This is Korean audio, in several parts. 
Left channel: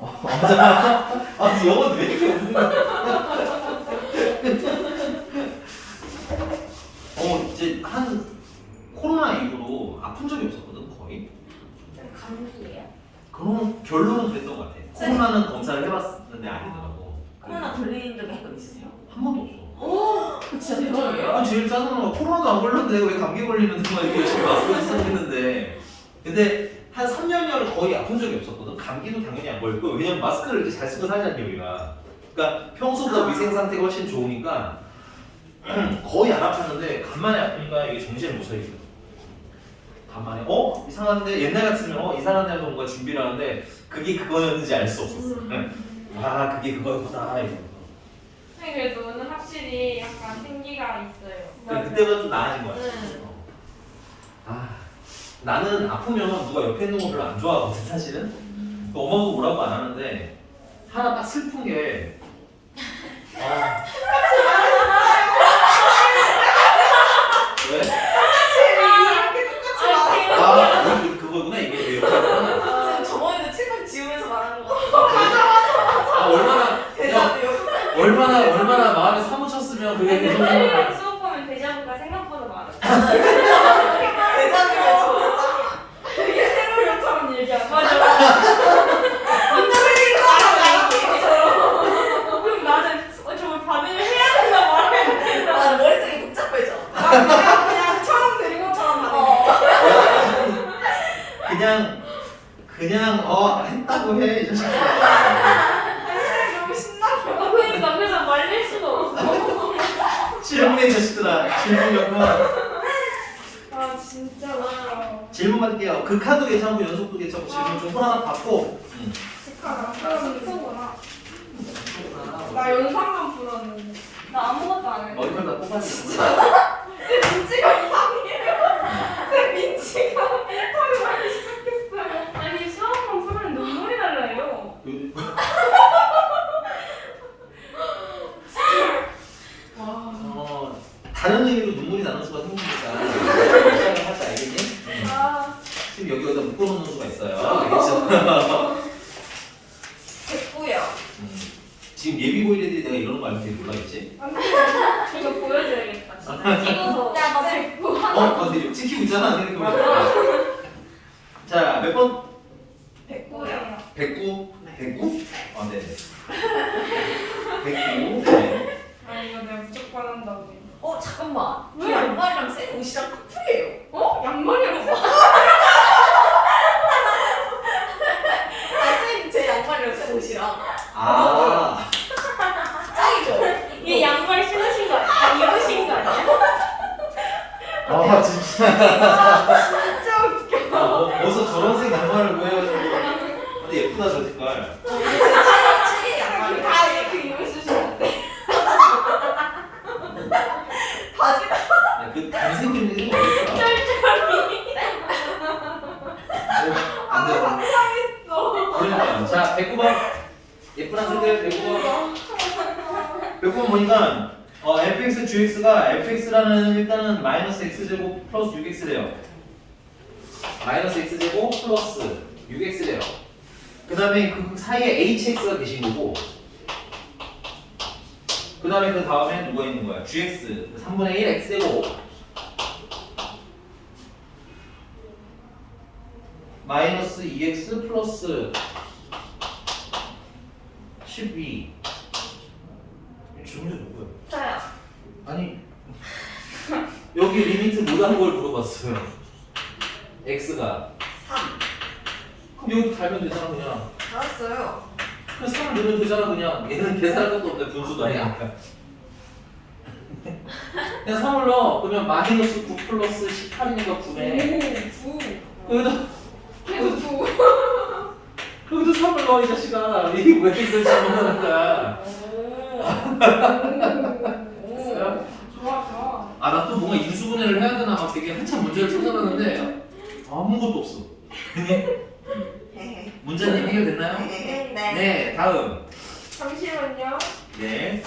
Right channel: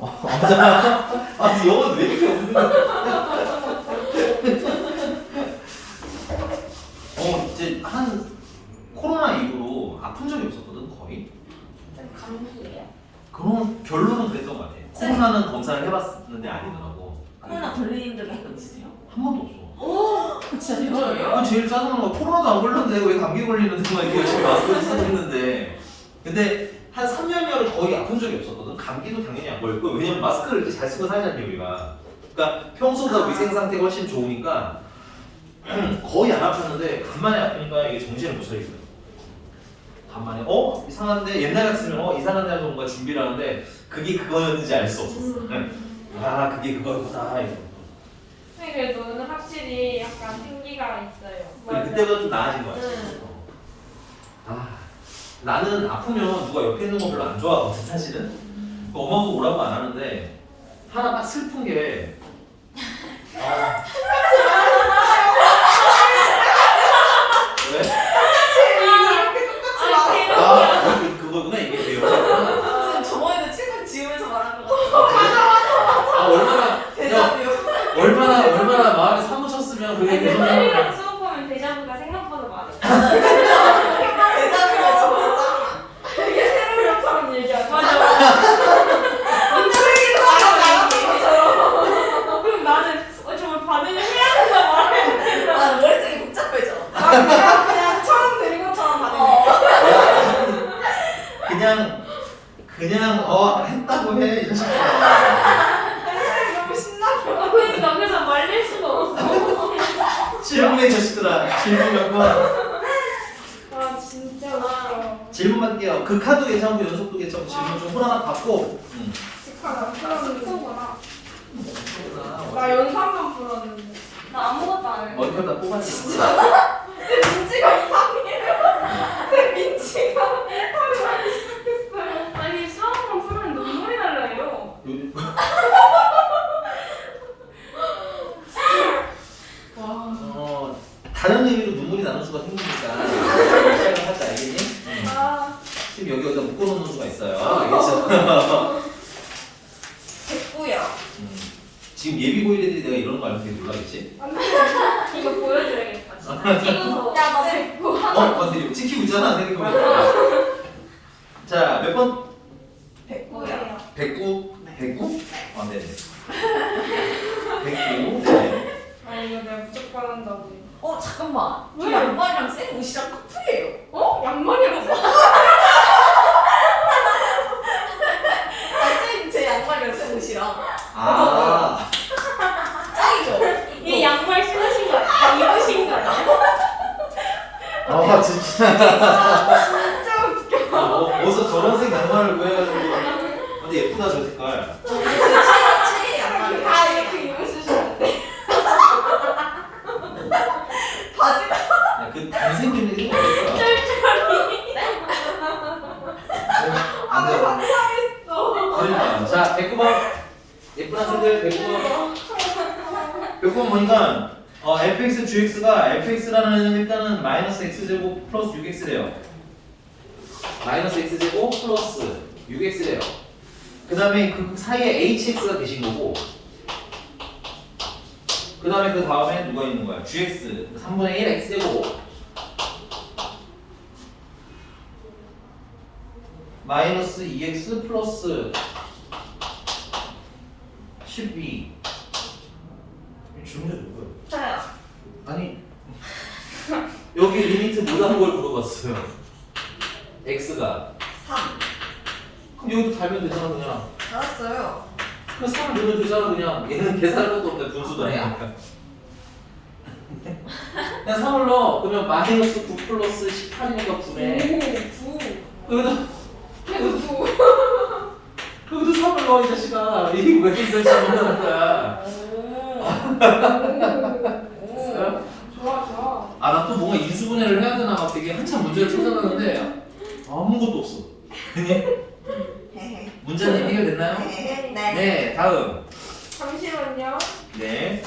맞아. 아, 영어는 왜 이렇게 없는 거야? 이제 한 코로나 이후로 아픈 적이 없었거든, 거의. 감기예요? 그런 결론은 그랬던 것 같아. 코로나는 검사를 해봤는데 아니더라고. 코로나 걸리는 적이 한 번 있으세요? 한 번도 없어. 진짜 대박이에요? 제일 짜증나는 건 코로나도 안 걸렸는데 왜 감기 걸리는데 막 이렇게 열심히 마스크를 쓰고 있는데. 근데 한 3년여를 거의 아픈 적이 없었거든. 감기도 당연히 안 걸렸고, 왜냐면 마스크를 이렇게 잘 쓰고 살잖아, 우리가. 그러니까 평소보다 위생 상태가 훨씬 좋으니까 거의 안 아팠는데 간만에 아프니까 이게 정신을 못 차리겠어. 간만에 이상한데 옛날 같으면 이상한데 하면서 뭔가 준비를 하는데 그게 그거였는지 알 수 없었어. 아, 그게 그거였구나 이러면서. 그래도 오늘 확실히 약간 생기가 있어요. 그때보다 좀 나아진 거 같아. 아, 나는 아프면 누가 옆에 있는 거 별로 안 좋아하거든 사실은. 엄마도 뭐라고 안 하는데 하나 딱 슬픈 게 왜? 그거구나 이게 왜요? 저번에도 책만 지우면서 말하는 거. 얼마나 마음에 사무쳤으면 그게 계속 나오는 를 수업하면 데자부가 생각보다 많아. 대자뷰가 진짜 짱이야. 되게 새로운 것처럼 얘기하고. 맞아. 그럼 나는 정말 반응을 해야 된다 말해. 나 머릿속이 복잡해져. 그냥 처음 들은 것처럼 반응해. 그냥 했다고 해 이 자식아. 너무 신나고. 그러니까 그래서 말릴 수가 없어. 질문해 자식들아. 질문하고 아 진짜 나. 질문 받을게요. 극한도 괜찮고 연속도 괜찮고 질문 좀 하나 받고. 나 연습 한번 불었는데. 나 아무것도 안 해. 머리카락 다 뽑았어. 내 민지가 이상해요. 내 민지가 턱이 많이 시작했어요. 아니 수학만 풀면 눈물이 날라요. 다른 의미로 눈물이 나는 수가 생기니까 시작을 하자, 알겠니? 지금 여기다 묶어놓는 수가 있어요. 알겠죠? 됐고요. 지금 예비 고일애들이 내가 이러는 거 알면 되게 놀라겠지? 이거 보여줘야겠다. 진짜 찍어서. 근데 찍히고 있잖아. 자, 몇 번? 됐고요. 109? 109? 네네. 109. 네. 아 이거 내가 무조건 한다고. 잠깐만. 왜? 양말이랑 쌤 옷이랑 커플이에요. 양말이랑 쌤 제 양말이랑 쌤 옷이랑. 짱이죠? 이 양말 신으신 거 아니야? 입으신 거 아니야? 진짜. 진짜 웃겨. 어디서 저런 색 양말을 구해가지고. 근데 예쁘다, 저 색깔. 제 양말이. 다 이렇게 입으시면 돼. 바지가. 그 단색 좀 해주면 어떨까? 안 돼. 그러니까. 자, 109번. 예쁜 학생들 109번. 109번 보니까 fx, gx가 fx라는 일단은 마이너스 x제곱 플러스 6x래요. 마이너스 x제곱 플러스 6x래요. 그 다음에 그 사이에 hx가 계신 거고, 그 다음에 그 다음에 누가 있는 거야? gx 3분의 1 x제곱 마이너스 2x 플러스 12. 질문이 누구야? 저요. 아니 여기 리미트 뭐라는 걸 물어봤어요. x가 3. 그럼 여기도 달면 되잖아 그냥. 알았어요. 그냥 3을 넣으면 되잖아 그냥. 얘는 계산할 것도 없네. 분수도 아니야. 그냥 3을 넣어. 그러면 마이너스 9 플러스 18이니까 9네. 여기도 3을 넣어 이 자식아. 이게 왜 이걸 잘못하는 거야. 좋아. 나 또 뭔가 인수분해를 해야 되나 막 되게 한참 문제를 찾아봤는데 아무것도 없어. 문제는 해결됐나요? 네. 네, 다음. 잠시만요. 네.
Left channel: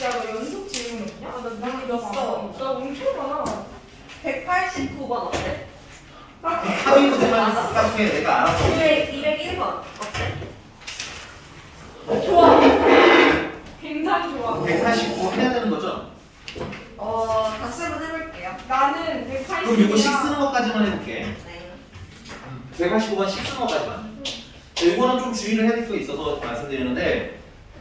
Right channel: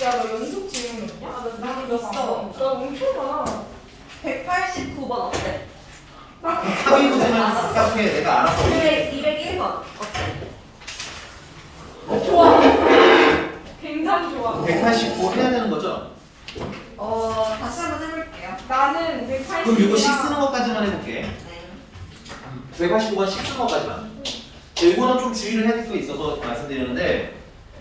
내가 연속 질문이냐? 나 있어. 나 엄청 많아. 189번 어때? 하위 문제만 깎게 내가 알아서. 201번 어때? 3,5까지만. 이거는 좀 주의를 해야 될 게 있어서 말씀드리는데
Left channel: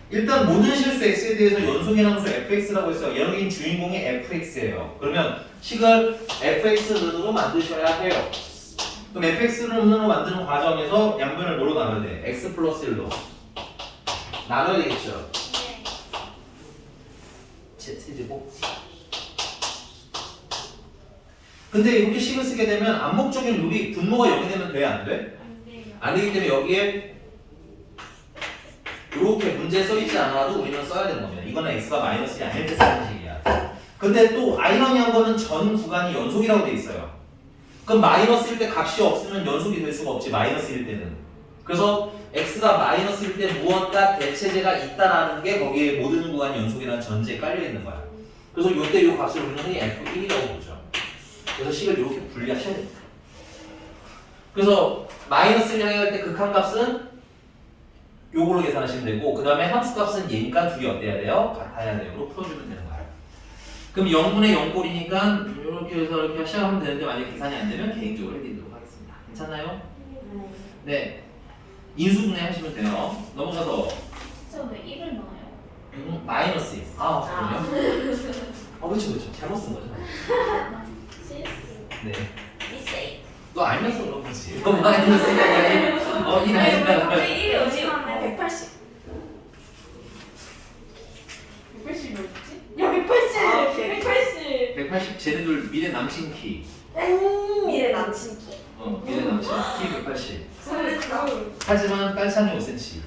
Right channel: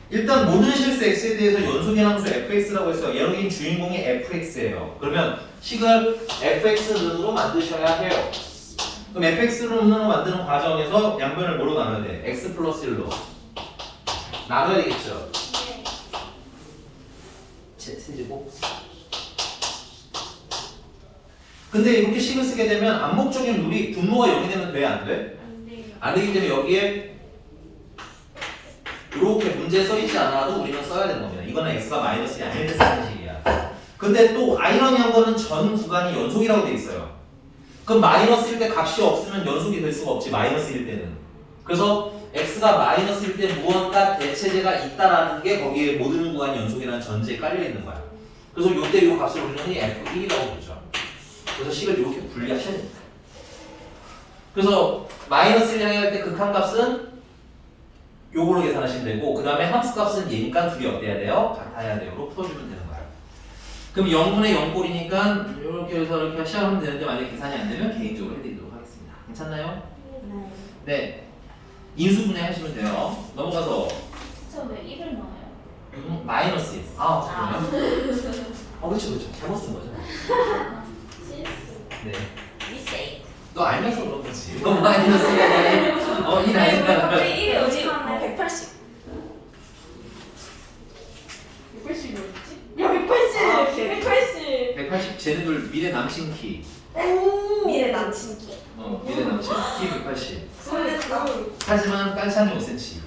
일단 모든 실수 x에 대해서 연속인 함수 fx라고 해서 여긴 주인공이 fx예요. 그러면 식을 fx로 만드셔야 해요. 그럼 fx로 만드는 과정에서 양변을 뭐로 나눠야 돼? x 플러스 1로 나눠야 되겠죠. 세제곱. 근데 이렇게 식을 쓰게 되면 암묵적인 룰이 분모가 0이 되면 돼? 안 돼? 안 되기 때문에 여기에 이렇게 문제에 써있지 않아도 우리는 써야 되는 겁니다. 이거는 x가 마이너스이 아닐 때 쓰는 식이야. 근데 또 아이러니한 거는 전 구간이 연속이라고 돼 있어요. 그럼 마이너스일 때 값이 없으면 연속이 될 수가 없지, 마이너스일 때는. 그래서 x가 마이너스일 때 무언가 대체제가 있다라는 게 거기에 모든 구간이 연속이라는 전제에 깔려 있는 거야. 그래서 요때 요 값을 우리는 f1이라고 보죠. 그래서 식을 이렇게 분리하셔야 됩니다. 그래서 마이너스를 할 때 극한값은 요걸로 계산하시면 되고 그 다음에 함수값은 얘니까 둘이 어때야 돼요? 같아야 돼요로 풀어주면 되는 거예요. 그럼 0분의 0꼴이니까 이렇게 해서 이렇게 시작하면 되는데 만약에 계산이 안 되면 개인적으로 해드리도록 하겠습니다. 괜찮나요? 네. 인수분해 하시면 돼요. 넘어가서 저왜 1을 넣어요? 마이너스. 아, 잠깐만요. 그렇죠. 잘못 쓴 거죠. 네. 미스테이크. 너 알면서 그런 거지. 너 마이너스가 아니라 이 나이가 왜 1이 어디 180. 180이 어딨지? 야 180! 180! 180 쟤네들 미래 남친 키. 미래 남친 키. 미래 남친 키 180. 설렌다. 하지만 깔창이 5cm.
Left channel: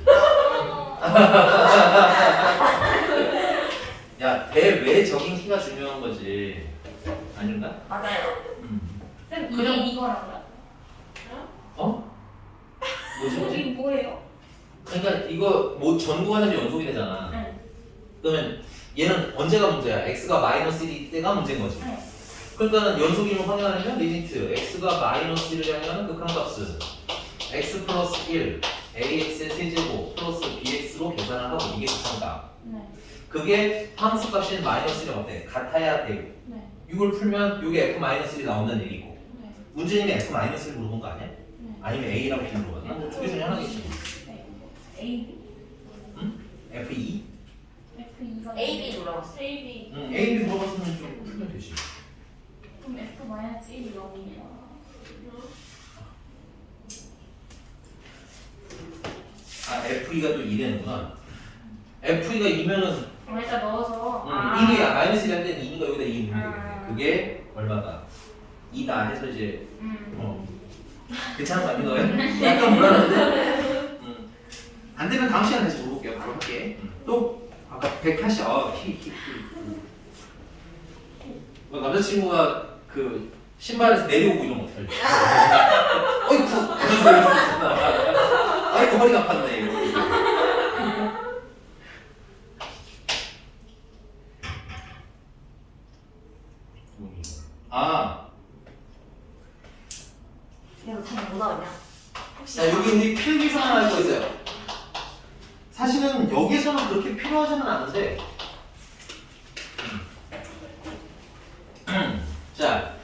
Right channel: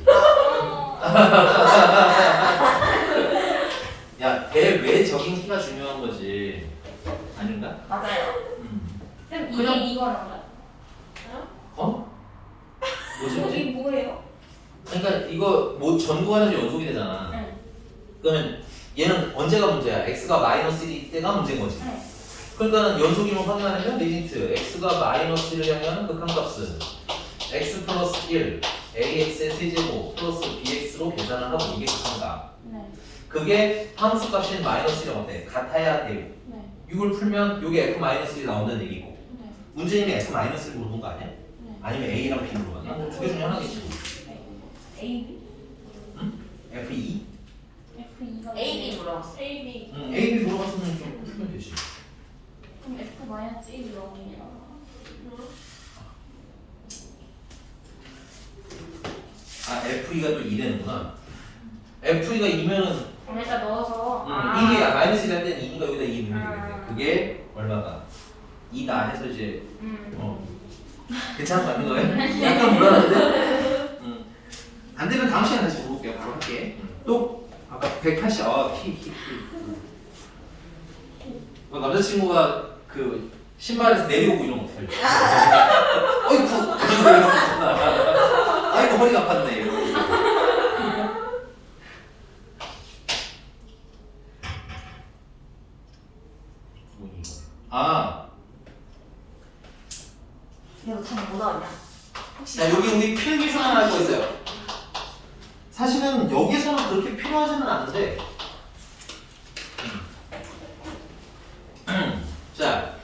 야, 걔 왜 저긴 키가 중요한 거지? 아닌가? 맞아요. 그럼 그냥- 이게 이거랑 어? 뭐지? 이게 뭐예요? 그러니까 이거 뭐 전구간에서 연속이 되잖아. 네. 그러면 얘는 언제가 문제야? x가 마이너스 1일 때가 문제인 거지. 네. 그러니까 연속임을 확인하려면 리미트 x가 마이너스 1을 향하는 극한값은 x 플러스 1 ax의 세제곱 플러스 bx로 계산을 하고 이게 극한값. 네. 그게 함수값인 마이너스 1이 어때? 같아야 되고 네. 이걸 풀면 이게 f 마이너스 1이 나온다는 얘기고 네. 문제는 게 f 마이너스 1을 물어본 거 아니야? 네. 아니면 a랑 b 물어봤나? 뭐 두 개 중에 하나겠지. 네. A, B? 응? f2? F2가 AD 물어봤어. A, B. 응, a, b 물어봤으면 좀 풀면 되지. 그럼 F 마이너스 1이 넣으면 아 f2가 또 2되는구나. f2가 2면은 일단 넣어서 1이 마이너스 1 할 때는 2가 여기다 2 넣는 거거든. 그게 얼마가? 2다 해서 이제 괜찮은 거 아닌 거예요? 약간 불안한데? 안 되면 다음 시간에 다시 물어볼게요. 바로 할게. 또 아까 180 키. 남자친구가 그 신발에서 내려오고 이러면 어떡할래? 어이쿠! 아이고 허리가 아팠네 이러고. 아, 이거 참 뭐 나오냐? 자 여기 우리 필기 중 하나 할 거 있어요. 사실은 여기서는 그렇게 필요하지는 않은데. 자,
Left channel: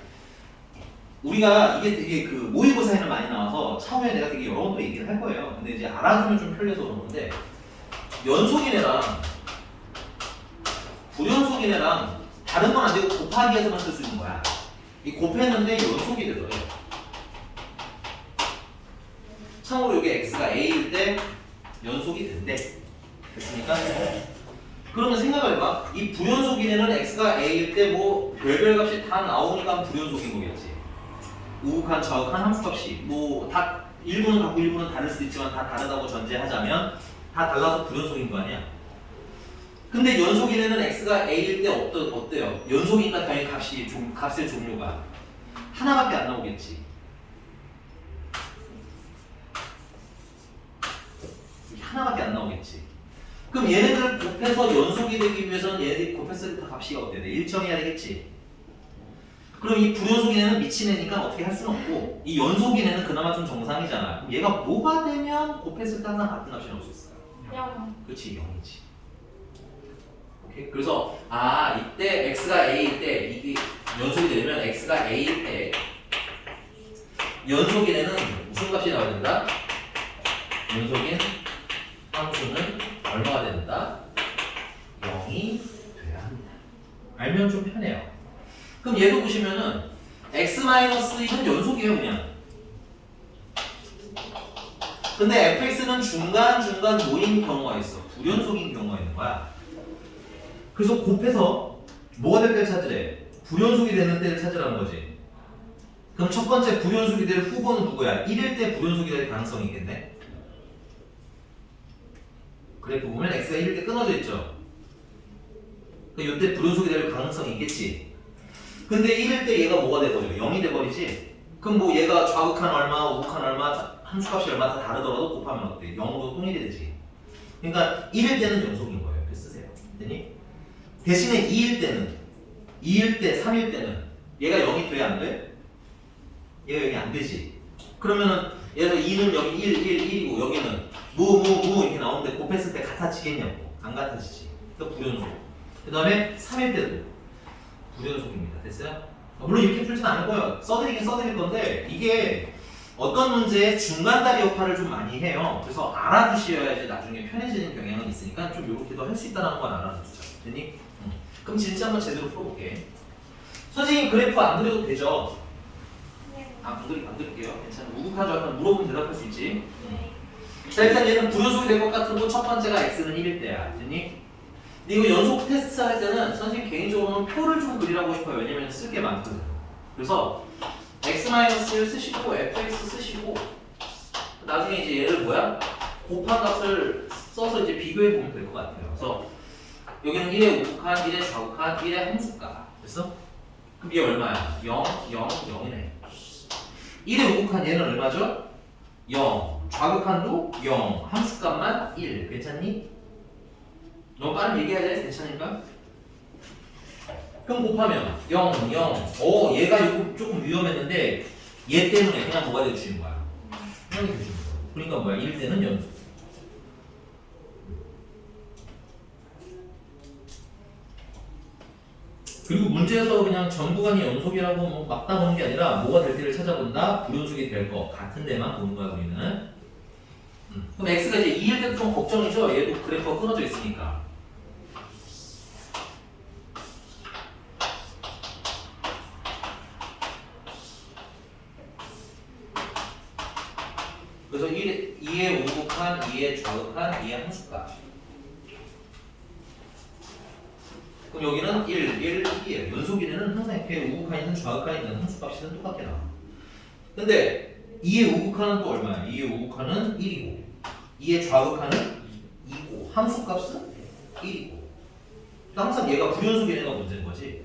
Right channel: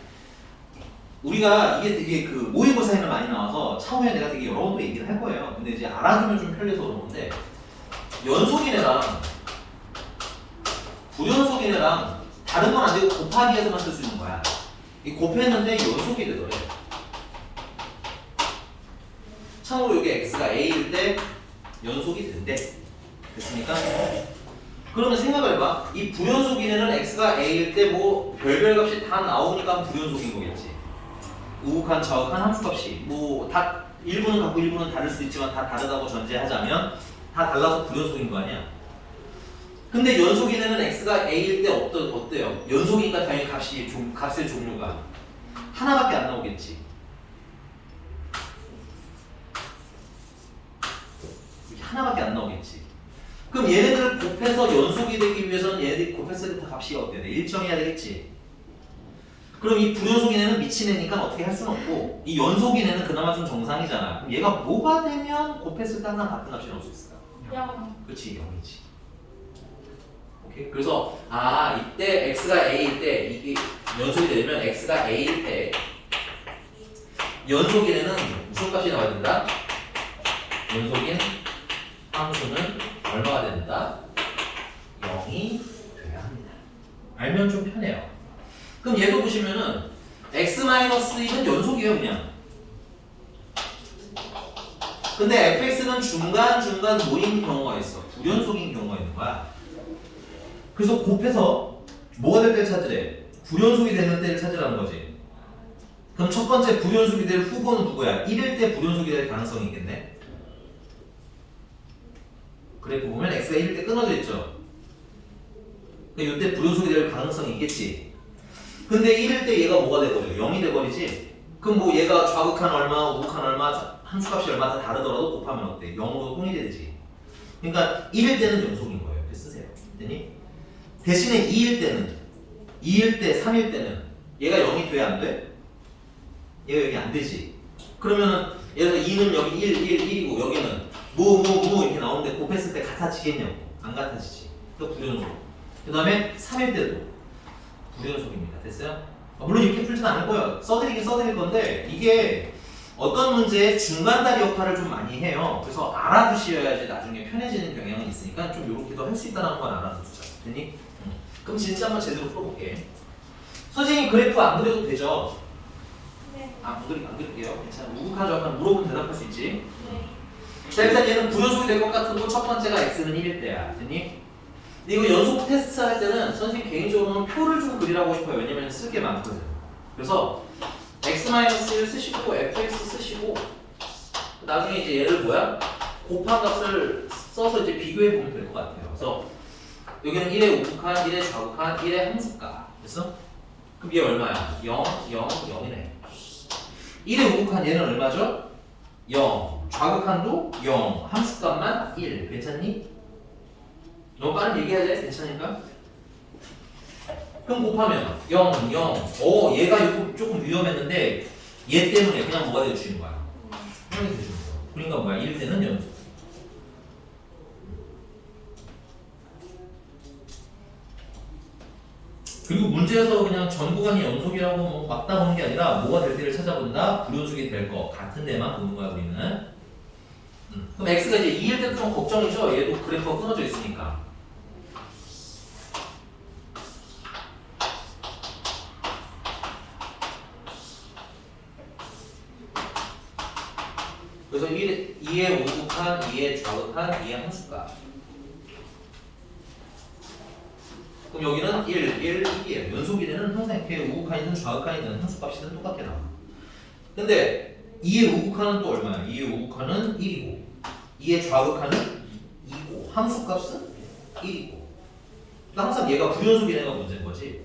우리가 이게 그 모의고사에는 많이 나와서 차후에 내가 되게 여러 번 또 얘기를 할 거예요. 근데 이제 알아두면 좀 편리해서 그런 건데 연속이네랑 불연속이네랑 다른 건 안 되고 곱하기해서만 쓸 수 있는 거야. 이 곱했는데 연속이 되더래. 참고로 여기 x가 a일 때 연속이 된대. 됐습니까? 그러면 생각을 해봐. 이 불연속이네는 x가 a일 때 뭐 별별 값이 다 나오니까 불연속인 거겠지. 우극한, 좌극한 함수값이 뭐 다 일부는 같고 일부는 다를 수 있지만 다 다르다고 전제하자면 다 달라서 불연속인 거 아니야? 근데 연속이네는 x가 a일 때 어때요? 연속이니까 당연히 값의 종류가 하나밖에 안 나오겠지. 하나밖에 안 나오겠지. 그럼 얘네들을 곱해서 연속이 되기 위해서는 얘네들이 곱했을 때 값이 어때야 돼? 일정해야 되겠지. 그럼 이 불연속이네는 미친 애니까 어떻게 할 수는 없고 이 연속이네는 그나마 좀 정상이잖아. 그럼 얘가 뭐가 되면 곱했을 때 항상 같은 값이 나올 수 있을까요? 그렇지, 0이지. 오케이. 그래서 이때 x가 a일 때 이게 연속이 되면 x가 a일 때 연속이네는 무슨 값이 나와야 된다? 연속인 함수는 얼마가 된다? 0이 돼야 합니다. 알면 좀 편해요. 그럼 얘도 보시면은 x-1은 연속이에요 그냥. 근데 fx는 중간중간 모인 경우가 있어. 불연속인 경우가 있는 거야. 그래서 곱해서 뭐가 될 때를 찾으래? 불연속이 되는 때를 찾으라는 거지. 그럼 첫 번째 불연속이 될 후보는 누구야? 1일 때 불연속이 될 가능성이 있겠네. 그래프 보면 x가 1일 때 끊어져 있죠. 그럼 이때 불연속이 될 가능성이 있겠지. 근데 1일 때 얘가 뭐가 돼버려? 0이 돼버리지. 그럼 뭐 얘가 좌극한 얼마, 우극한 얼마, 함수값이 얼마 다 다르더라도 곱하면 어때? 0으로 통일되지. 그러니까 1일 때는 연속인 거예요. 이렇게 쓰세요. 됐니? 대신에 2일 때는 2일 때, 3일 때는 얘가 0이 돼야 안 돼? 얘가 0이 안 되지. 그러면은 예를 들어 2는 여기 1이고 여기는 무 이렇게 나오는데 곱했을 때 같아지겠냐고. 안 같아지지. 또 불연속. 그 다음에 3일 때도 불연속입니다. 됐어요? 물론 이렇게 풀진 않을 거예요. 써드리긴 써드릴 건데 이게 어떤 문제에 중간다리 역할을 좀 많이 해요. 그래서 알아두셔야지 나중에 편해지는 경향은 있으니까 좀 이렇게도 할 수 있다는 건 알아두자. 됐니? 그럼 진짜 한번 제대로 풀어볼게. 선생님 그래프 안 그려도 되죠? 안 그릴게요. 괜찮아. 우극하죠. 약간 물어보면 대답할 수 있지. 자 일단 얘는 불연속이 될 것 같은 거 첫 번째가 x는 1일 때야. 됐니? 근데 이거 연속 테스트 할 때는 선생님 개인적으로는 표를 좀 그리라고 싶어요. 왜냐면 쓸 게 많거든. 그래서 x-를 쓰시고 fx 쓰시고 나중에 이제 얘를 뭐야? 곱한 값을 써서 이제 비교해 보면 될 것 같아요. 그래서 여기는 1의 우극한, 1의 좌극한, 1의 함수값. 됐어? 그럼 얘 얼마야? 0, 0, 0이네. 1의 우극한 얘는 얼마죠? 0. 좌극한도 0. 함수값만 1. 괜찮니? 너무 빠르게 얘기해야 돼? 괜찮을까? 그럼 곱하면 0, 0. 얘가 이거 조금 위험했는데 얘 때문에 그냥 뭐가 돼주는 거야? 0이 돼주는 거야. 그러니까 뭐야? 1 때는 연속. 그리고 문제에서 그냥 전부간이 연속이라고 뭐 맞다 보는 게 아니라 뭐가 될 때를 찾아본다? 불연속이 될 거 같은 데만 보는 거야 우리는. 그럼 x가 이제 2일 때도 좀 걱정이죠? 얘도 그래프가 끊어져 있으니까. 그래서 2의 우극한, 2의 좌극한, 2의 함수값. 그럼 여기는 1, 1이에요. 연속이네는 항상 이렇게 우극한이든 좌극한이든 함수값이든 똑같게 나와. 근데 2의 우극한은 또 얼마야? 2의 우극한은 1이고 2의 좌극한은 2고 함수값은 1이고 항상 얘가 불연속인 애가 문제인 거지.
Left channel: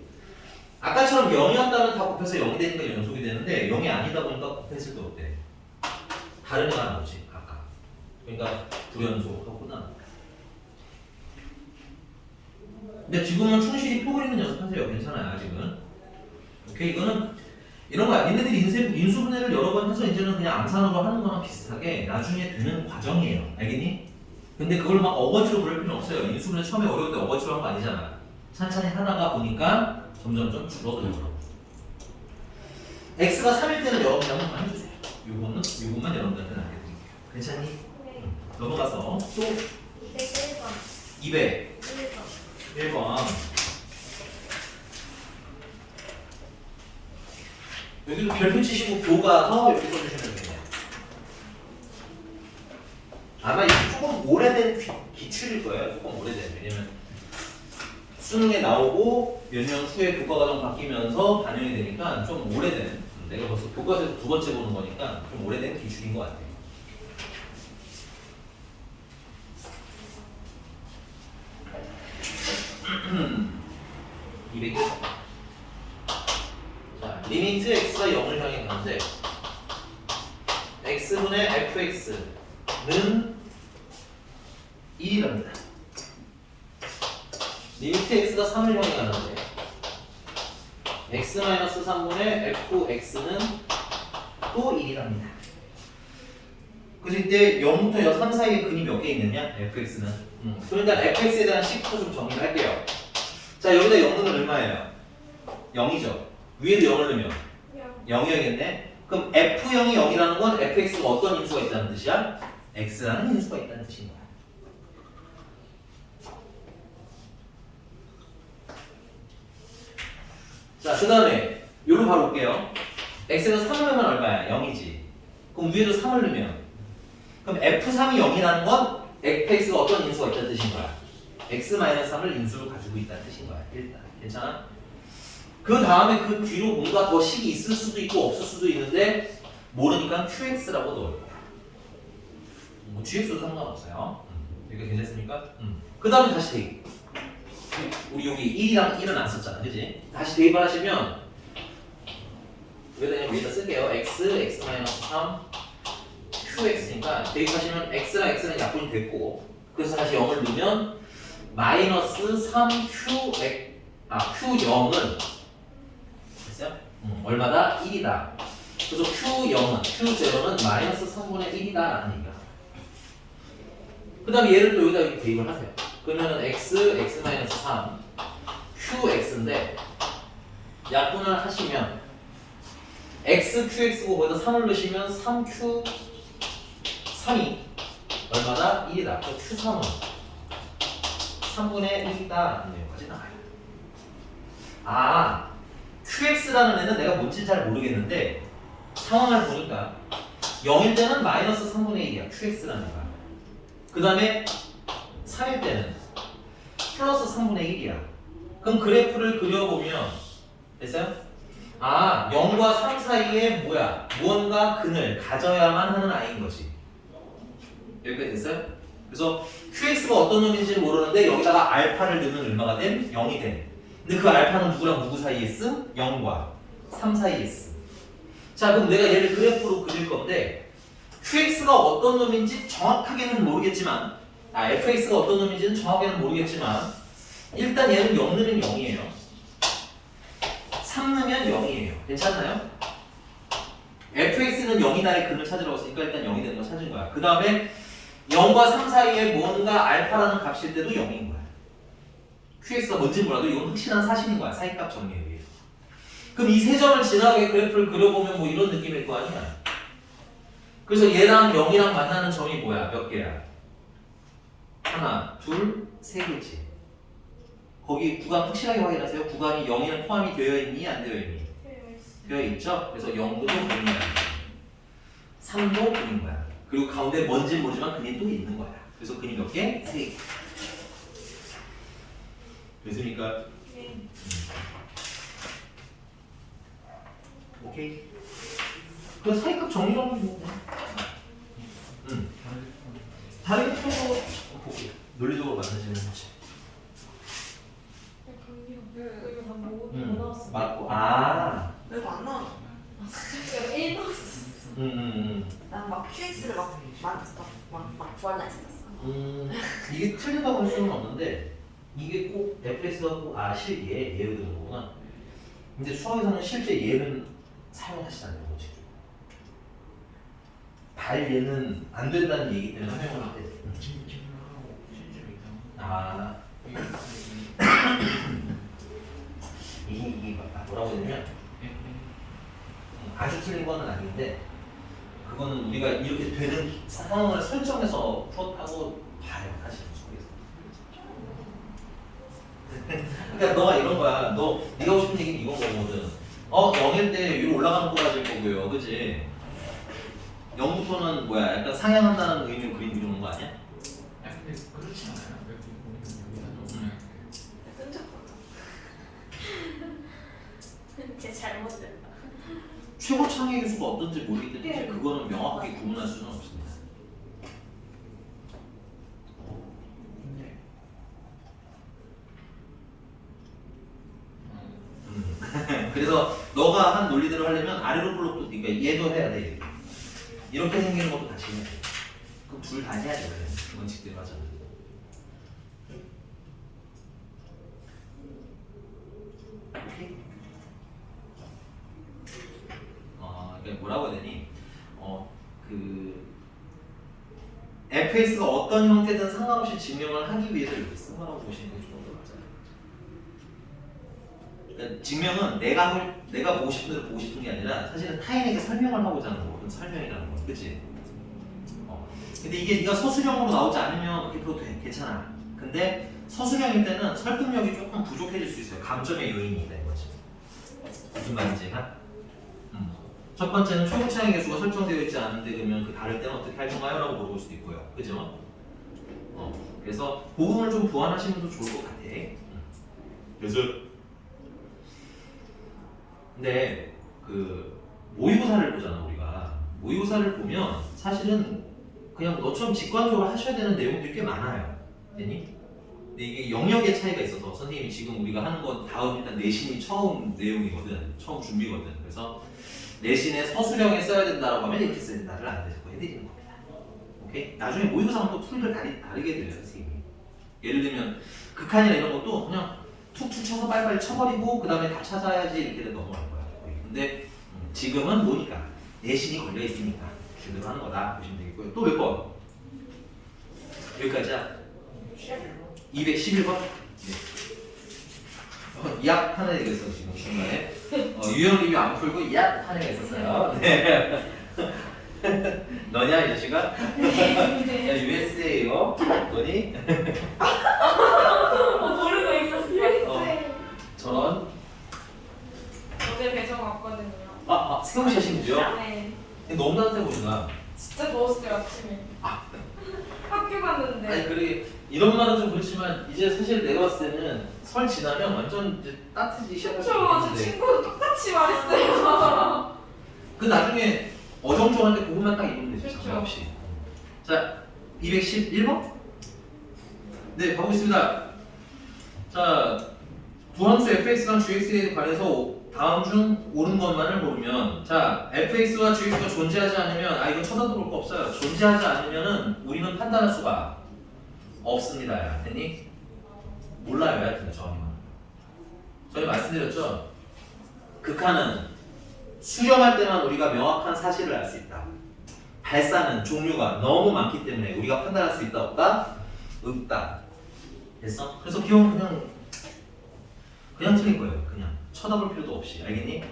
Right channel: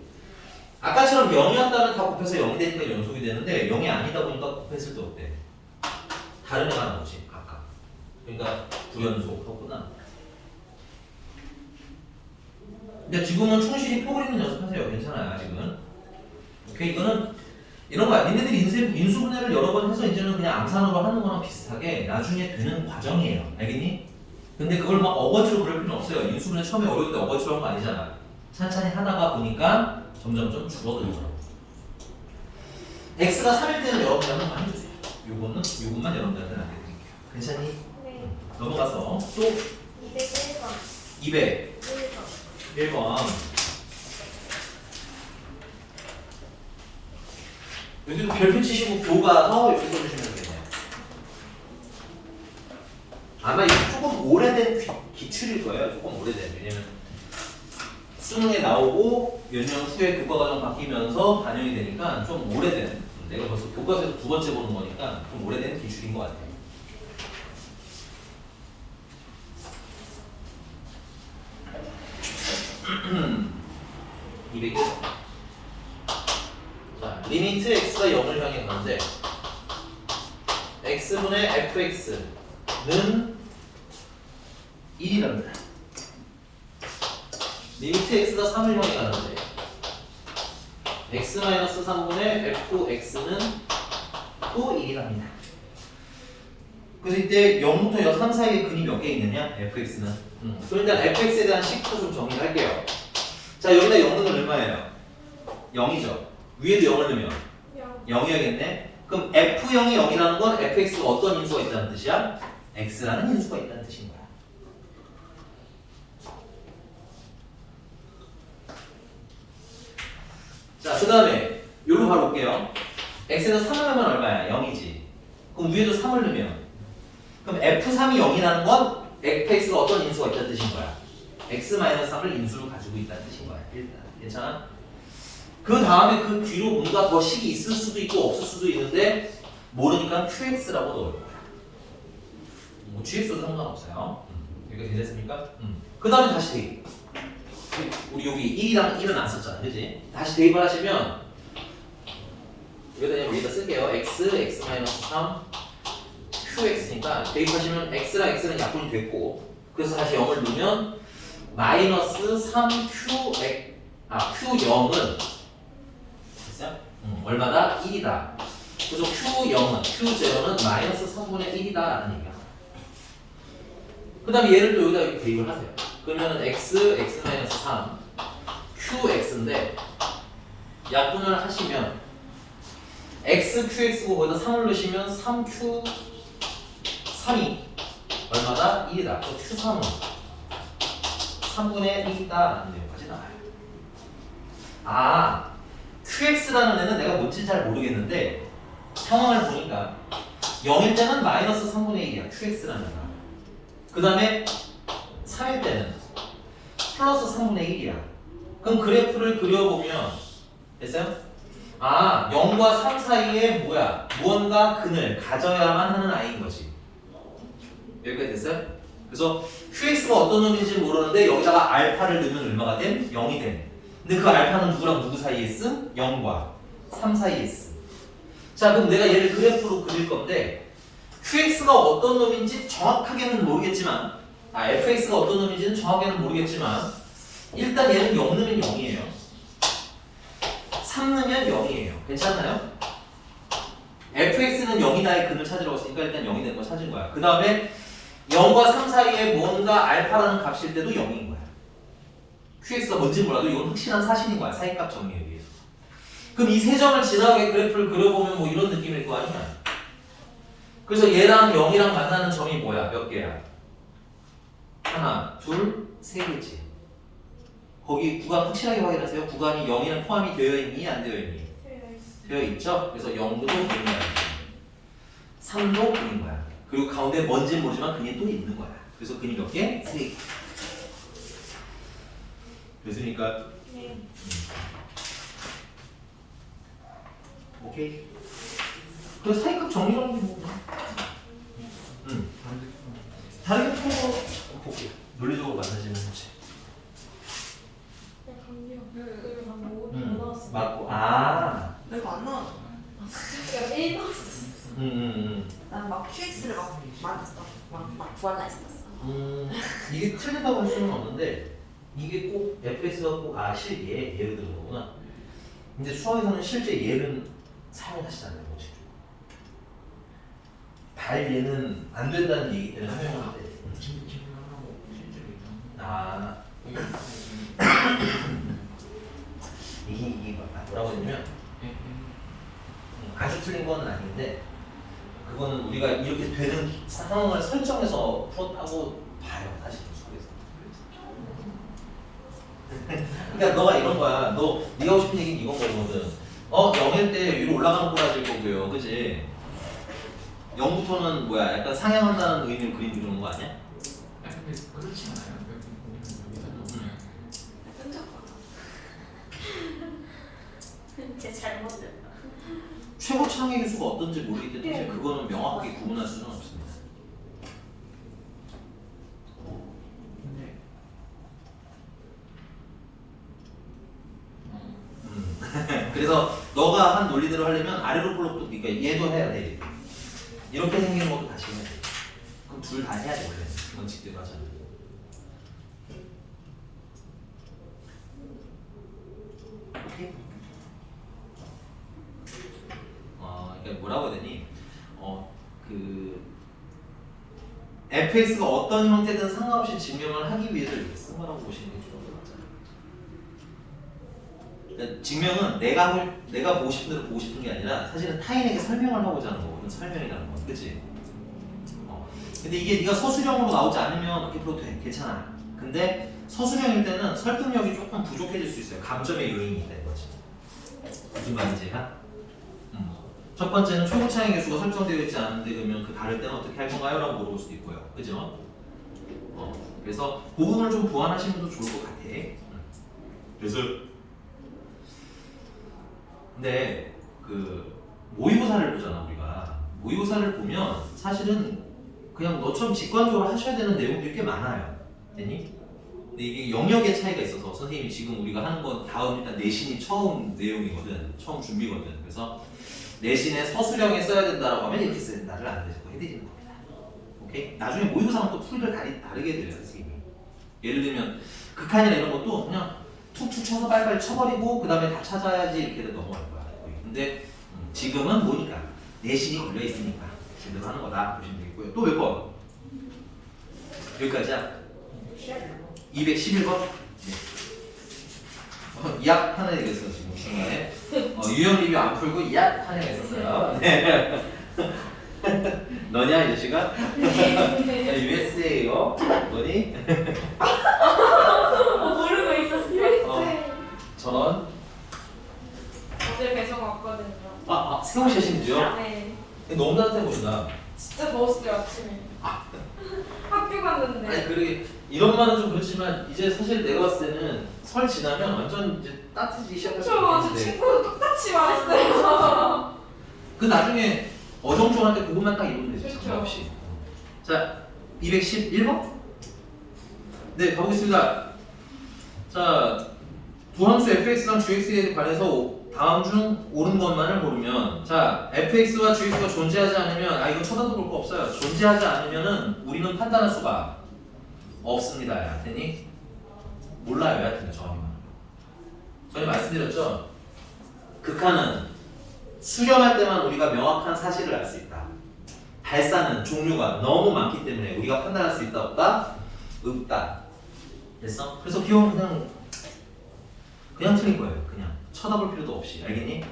아까처럼 0이었다면 다 곱해서 0이 되니까 연속이 되는데 0이 아니다 보니까 곱했을 때 어때? 다른 애가 나오지 각각. 그러니까 불연속하고 끝나는 거야. 근데 지금은 충실히 표 그리는 연습하세요. 괜찮아요 아직은. 오케이 이거는 이런 거야. 니네들이 인수분해를 여러 번 해서 이제는 그냥 암산으로 하는 거랑 비슷하게 나중에 되는 과정이에요. 알겠니? 근데 그걸 막 어거지로 그럴 필요는 없어요. 인수분해 처음에 어려울 때 어거지로 한 거 아니잖아. 찬찬히 하다가 보니까 점점점 줄어들죠. x가 3일 때는 여러분들 한번 해주세요. 요것만 여러분들한테 남겨드릴게요. 괜찮니? 네. 넘어가서 또 201번. 201번. 여기도 별표 치시고 교과서 이렇게 써주시면 되겠네요. 아마 이게 조금 오래된 기출일 거예요. 조금 오래된. 왜냐면 수능에 나오고 몇 년 후에 교과과정 바뀌면서 반영이 되니까 좀 오래된. 내가 벌써 교과서에서 두 번째 보는 거니까 좀 오래된 기출인 것 같아요. 이게 자, 리미트 x가 0을 향해 가는데 x분의 fx는 1이랍니다. 리미트 x가 3을 향해 가는데 x-3분의 fx는 또 1이랍니다. 그래서 이때 0부터 3 사이에 근이 몇 개 있느냐? fx는. 그럼 일단 fx에 대한 식부터 좀 정리를 할게요. 자 여기다 0 넣으면 얼마예요? 0이죠. 위에도 0을 넣으면 0이어야겠네. 그럼 F0이 0이라는 건 fx가 어떤 인수가 있다는 뜻이야? x라는 인수가 있다는 뜻인 거야. 자, 그 다음에 요로 바로 올게요. x에서 3을 넣으면 얼마야? 0이지. 그럼 위에도 3을 넣으면 그럼 f3이 0이라는 건 fx가 어떤 인수가 있다는 뜻인 거야? x-3을 인수로 가지고 있다는 뜻인 거야. 일단 괜찮아? 그 다음에 그 뒤로 뭔가 더 식이 있을 수도 있고 없을 수도 있는데 모르니까 qx라고 넣을 거야. 뭐 gx도 상관없어요. 이렇게 괜찮습니까? 그 다음에 다시 대입. 우리 여기 1이랑 1은 안 썼잖아, 그지? 다시 대입을 하시면 여기다 쓸게요. x, x-3, qx니까 대입하시면 x랑 x는 약분이 됐고 그래서 다시 0을 넣으면 마이너스 3q, q0은 됐어요? 얼마다? 1이다. 그래서 q0은 마이너스 3분의 1이다 라는 얘기야. 그 다음에 얘를 또 여기다 대입을 하세요. 그러면은 x, x-3, qx인데 약분을 하시면 x, qx고 거기다 3을 넣으시면 3q, 3이 얼마다? 1이다. 그 q3은 3분의 1이다 라는 내용까지 나와요. 아, qx라는 애는 내가 뭔지 잘 모르겠는데 상황을 보니까 0일 때는 마이너스 3분의 1이야. qx라는 애가. 그 다음에 3일 때는 플러스 3분의 1이야. 그럼 그래프를 그려보면 됐어요? 아, 0과 3 사이에 뭐야? 무언가 근을 가져야만 하는 아이인 거지. 여기까지 됐어요? 그래서 qx가 어떤 놈인지 모르는데 여기다가 알파를 넣으면 얼마가 된? 0이 된. 근데 그 알파는 누구랑 누구 사이에 쓰? 0과 3 사이에 쓰. 자, 그럼 내가 얘를 그래프로 그릴 건데 qx가 어떤 놈인지 정확하게는 모르겠지만 fx가 어떤 놈인지는 정확하게는 모르겠지만 일단 얘는 0 넣으면 0이에요. 3 넣으면 0이에요. 괜찮나요? fx는 0이다의 근을 찾으라고 했으니까 일단 0이 되는 걸 찾은 거야. 그 다음에 0과 3 사이에 뭔가 알파라는 값일 때도 0인 거야. qx가 뭔지 몰라도 이건 확실한 사실인 거야. 사이값 정리에 의해서. 그럼 이 세 점을 지나가게 그래프를 그려보면 뭐 이런 느낌일 거 아니야. 그래서 얘랑 0이랑 만나는 점이 뭐야? 몇 개야? 하나, 둘, 세 개지. 거기 구간 확실하게 확인하세요. 구간이 0이랑 포함이 되어 있니? 안 되어 있니? 되어 있죠? 그래서 0도 그린 거야. 3도 그린 거야. 그리고 가운데 뭔지 모르지만 근이 또 있는 거야. 그래서 근이 몇 개? 3개. 됐습니까? 네. 오케이. 그 사이값 정리라고 뭐. 다르게 풀어서 볼게. 논리적으로 만나지는 거지. 여기 방금 5 나왔어. 맞고. 아. 왜 안 나와? 제가 1 나왔어. 난막 QX를 막 구할라 했었어. 이게 틀리다고 할 수는 없는데 이게 꼭 FS가 꼭 실얘 얘로 되는 거구나. 근데 수학에서는 실제 얘는 사용하시지 않는 거지. 얘는 안 된다는 얘기 때문에 사용할 때. 아. 이게 뭐라고 했냐면 아주 틀린 거는 아닌데 그거는 우리가 이렇게 되는 상황을 설정해서 풀었다고 봐요. 사실 수학에서. 그러니까 너가 이런 거야. 네가 하고 싶은 얘기는 이건 거거든. 0일 때 위로 올라가는 꼬라질 거고요. 그치? 0부터는 뭐야? 약간 상향한다는 의미로 그림 그리는 거 아니야? 근데 그렇지 않아요. 제 잘못됐다. 최고 창의 교수가 어떤지 모르기 때문에 그거는 명확하게 구분할 수는 없습니다. 그래서 너가 한 논리대로 하려면 아래로 블록도 네가 얘도 해야 돼. 이렇게 생기는 것도 다시 해야 돼. 그럼 둘 다 해야 돼. 원래 원칙대로 하잖아. 오케이? 그러니까 뭐라고 해야 되니? fx가 어떤 형태든 상관없이 증명을 하기 위해서 이렇게 쓴 거라고 보시는 게 좋은 것 같잖아요. 그러니까 증명은 내가 보고 싶은 대로 보고 싶은 게 아니라 사실은 타인에게 설명을 하고자 하는 거거든. 설명이라는 건, 그렇지? 근데 이게 네가 서술형으로 나오지 않으면 그렇게 풀어도 돼, 괜찮아. 근데 서술형일 때는 설득력이 조금 부족해질 수 있어요. 감점의 요인이 있다 이거지. 무슨 말인지 하? 첫 번째는 초고차의 개수가 설정되어 있지 않은데 그러면 그 다를 때는 어떻게 할 건가요? 라고 물어볼 수도 있고요. 그죠? 그래서 그 부분을 좀 보완하시면 더 좋을 것 같아. 그래서 근데 그 모의고사를 보잖아 우리가. 모의고사를 보면 사실은 그냥 너처럼 직관적으로 하셔야 되는 내용들이 꽤 많아요. 되니? 근데 이게 영역의 차이가 있어서 선생님이 지금 우리가 하는 건 다음 일단 내신이 처음 내용이거든. 처음 준비거든. 그래서 내신에 서술형에 써야 된다라고 하면 이렇게 써야 된다를 안 되고 해드리는 겁니다. 오케이? 나중에 모의고사는 또 풀이를 다르게 돼요 선생님이. 예를 들면 극한이나 이런 것도 그냥 툭툭 쳐서 빨리빨리 쳐버리고 그 다음에 다 찾아야지 이렇게 넘어갈 거야. 근데 지금은 뭐니까 내신이 걸려 있으니까 제대로 하는 거다 보시면 되겠고요. 또 몇 번? 여기까지야. 211번. 네. 이학 판에 대해서 지금 중에 유형 리뷰 안 풀고 이학 판에 있었어요. 네. 너냐 이 자식아? USA요. 너니? 모르고 있었어요. 저는 어제 배송 왔거든요. 세경 씨 하시는데요? 네. 너무 따뜻해 보인다. 진짜 더웠어요 아침에. 학교 갔는데. 아니 그래 이런 말은 좀 그렇지만 이제 사실 내가 봤을 때는 설 지나면 완전 이제 따뜻해지기 시작할 수 저 있겠는데 친구도 똑같이 말했어요. 그 나중에 어정쩡한데 그것만 딱 입으면 되지 그렇죠. 장난 없이. 자 211번? 네 가보겠습니다. 자 두 함수 fx랑 gx에 관해서 다음 중 옳은 것만을 고르면 자 fx와 gx가 존재하지 않으면 이거 쳐다도 볼 거 없어요. 존재하지 않으면은 우리는 판단할 수가 없습니다. 야 되니? 몰라요. 야 근데 저희 말씀드렸죠. 극한은 수렴할 때만 우리가 명확한 사실을 알 수 있다. 발산은 종류가 너무 많기 때문에 우리가 판단할 수 있다 없다? 없다. 됐어? 그래서 기억은 그냥 틀린 거예요. 그냥 쳐다볼 필요도 없이. 알겠니?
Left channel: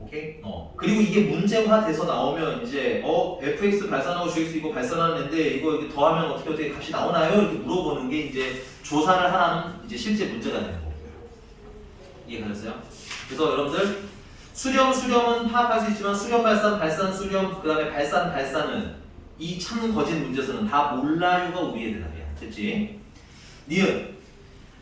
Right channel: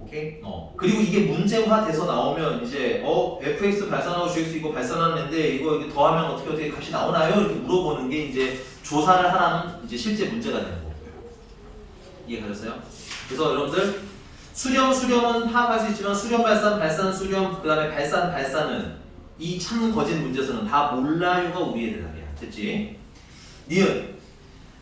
오케이? 그리고 이게 문제화 돼서 나오면 이제 fx 발산하고 gx 이거 발산하는데 이거 이렇게 더하면 어떻게 값이 나오나요? 이렇게 물어보는 게 이제 조사를 하라는 이제 실제 문제가 되는 거고요. 이해가셨어요? 그래서 여러분들 수렴은 파악할 수 있지만 수렴 발산 수렴 그다음에 발산은 이 참 거짓 문제에서는 다 몰라요가 우리의 대답이야. 됐지? 니은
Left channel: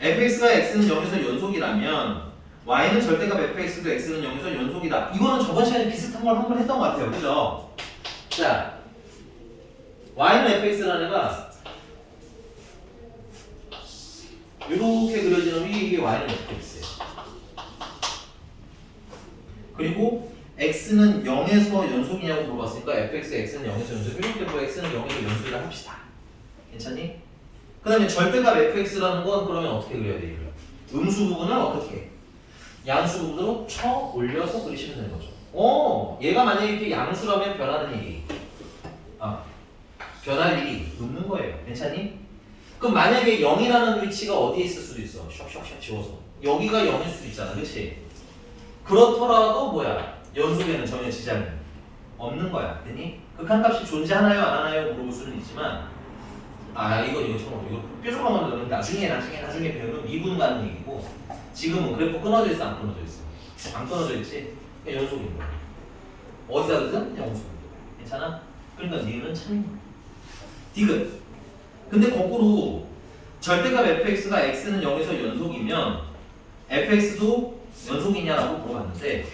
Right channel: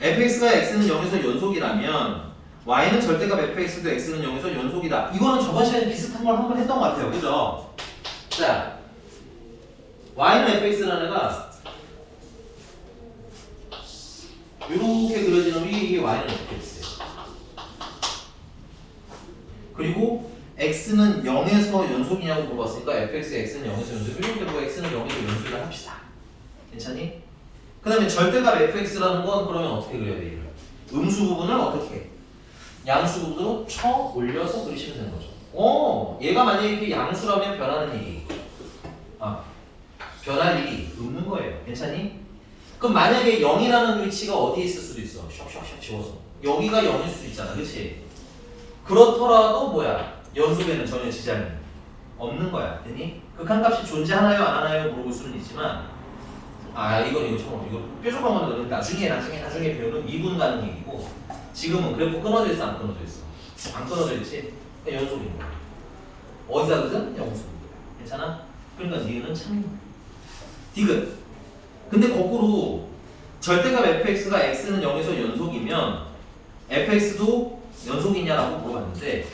fx가 x는 0에서 연속이라면 y는 절대값 fx도 x는 0에서 연속이다. 이거는 저번 시간에 비슷한 걸 한번 했던 것 같아요. 그죠? 자, y는 fx라는 애가 이렇게 그려지는 이게 y는 fx예요. 그리고 x는 0에서 연속이냐고 물어봤으니까 fx, x는 0에서 연속. 이렇게 뭐 x는 0에서 연속이라 합시다. 괜찮니? 그 다음에 절대값 fx라는 건 그러면 어떻게 그려야 돼요? 음수 부분을 어떻게? 양수 부분으로 쳐 올려서 그리시면 되는 거죠. 얘가 만약에 이렇게 양수라면 변하는 일이 변할 일이 없는 거예요. 괜찮니? 그럼 만약에 0이라는 위치가 어디에 있을 수도 있어. 슉슉슉 지워서 여기가 0일 수도 있잖아. 그렇지? 그렇더라도 뭐야? 연속에는 전혀 지장이 없는 거야. 됐니? 극한값이 존재하나요? 안 하나요? 물어볼 수는 있지만 이거 뾰족한 거는 나중에 배우는 미분 가는 얘기고 지금은 그래프 끊어져 있어 안 끊어져 있어? 안 끊어져 있지? 그러니까 연속인 거야. 어디서든 연속. 괜찮아? 그러니까 니은은 참인 거야. 디귿. 근데 거꾸로 절대값 fx가 x는 0에서 연속이면 fx도 연속이냐라고 물어봤는데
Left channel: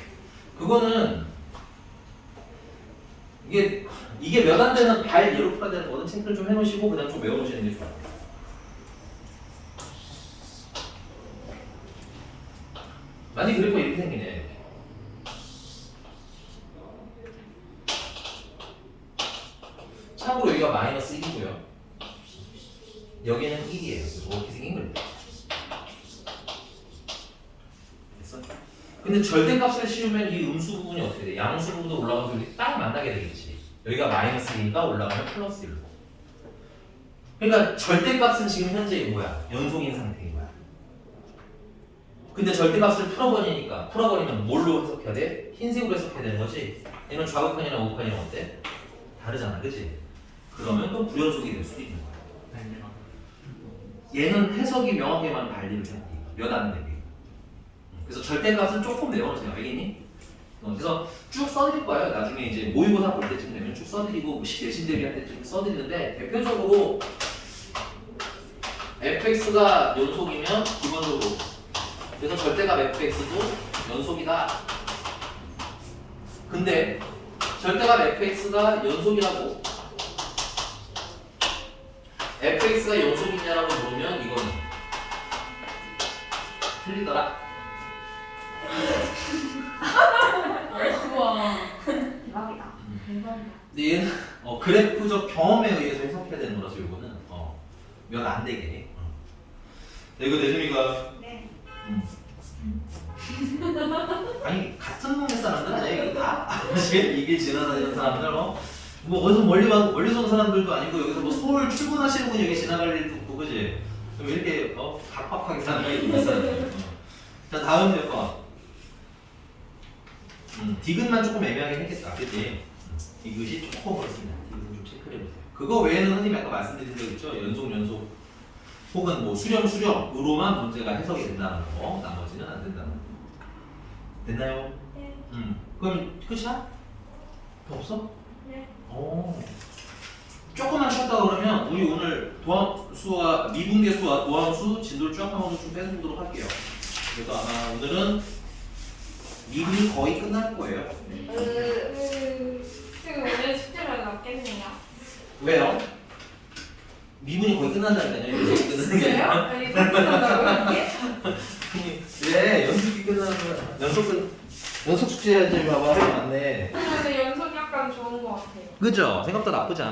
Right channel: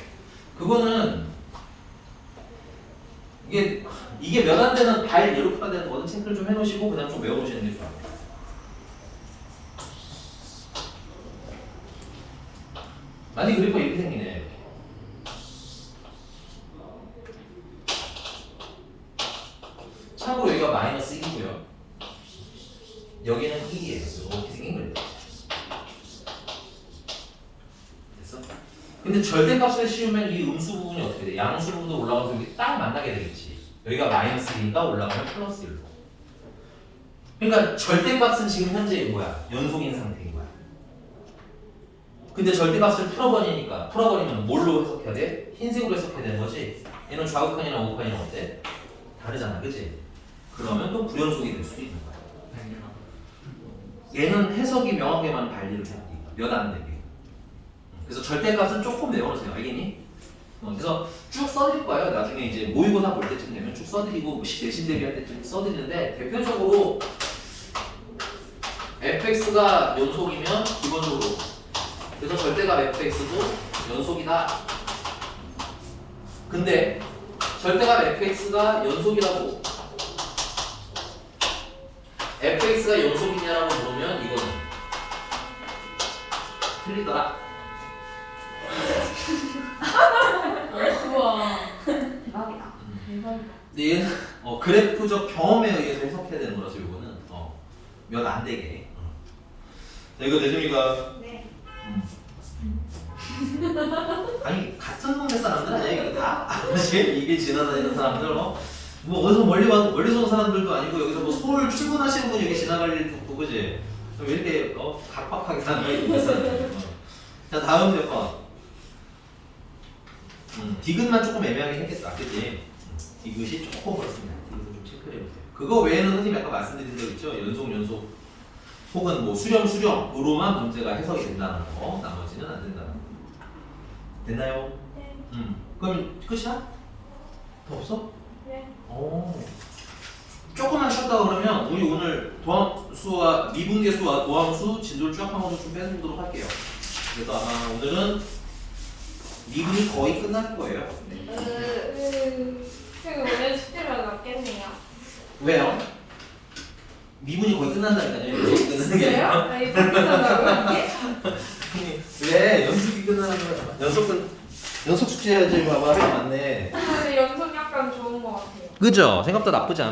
그거는 이게 몇 안 되는 발 예로 풀어야 되는 거든. 체크를 좀 해놓으시고 그다음 좀 외워놓으시는 게 좋아요. 만약 그래프가 이렇게 생기네. 참고로 여기가 마이너스 1이고요. 여기는 1이에요. 이렇게 생긴 거예요. 됐어? 근데 절대값을 씌우면 이 음수 부분이 어떻게 돼? 양수 부분도 올라가서 여기 딱 만나게 되겠지. 여기가 마이너스 1이니까 올라가면 플러스 1로. 그러니까 절대값은 지금 현재 뭐야? 연속인 상태인 거야. 근데 절대값을 풀어버리니까 풀어버리면 뭘로 해석해야 돼? 흰색으로 해석해야 되는 거지. 얘는 좌극판이나 우극판이나 어때? 다르잖아, 그치? 그러면 또 불연속이 될 수도 있는 거야. 얘는 해석이 명확하게만 발리를 해야 돼. 몇 안 되게. 그래서 절대값은 조금 외워놓으세요. 알겠니? 그래서 쭉 써드릴 거예요. 나중에 이제 모의고사 볼 때쯤 되면 쭉 써드리고 내신 대비할 때쯤 써드리는데 대표적으로 fx가 연속이면 기본적으로 그래서 절대값 fx도 연속이다. 근데 절대값 fx가 연속이라고 fx가 연속이냐라고 물으면 이거는 틀리더라. 우와. 대박이다. 대박이다. 근데 얘는 그래프적 경험에 의해서 해석해야 되는 거라서 이거는 몇 안 되게. 자, 이거 내준이가 네. 아니 같은 동네 사람들 아니야 이거 다. 사실 이게 지나다니는 사람들 뭐 어디서 멀리서 온 사람들도 아니고 여기서 뭐 서울 출근하시는 분이 여기 지나갈 일도 없고 그지? 왜 이렇게 각박하게 사는 게 있는 사람들. 자 다음 대파. 디귿만 조금 애매하게 했겠다, 그치? 디귿이 조금 그렇습니다. 디귿은 좀 체크를 해보세요. 그거 외에는 선생님이 아까 말씀드린 적 있죠? 연속 혹은 뭐 수렴으로만 문제가 해석이 된다는 거, 나머지는 안 된다는 거. 됐나요? 네. 그럼 끝이야? 더 없어? 네. 조금만 쉬었다 그러면 우리 오늘 도함수와 미분계수와 도함수 진도를 쭉 한번 좀 빼보도록 할게요. 그래서 아마 오늘은 미분이 거의 끝날 거예요. 지금 오늘 숙제가 낫겠네요. 왜요? 미분이 거의 끝난다니까요. 연속이 끝나는 게 아니라. 아니, 끝난다고요, 이게? 왜 연속이 끝나는 거야? 연속 숙제 해야지 봐봐. 할 게 많네. 근데 연속이 약간 좋은 것 같아요. 그죠? 생각보다 나쁘지 않아.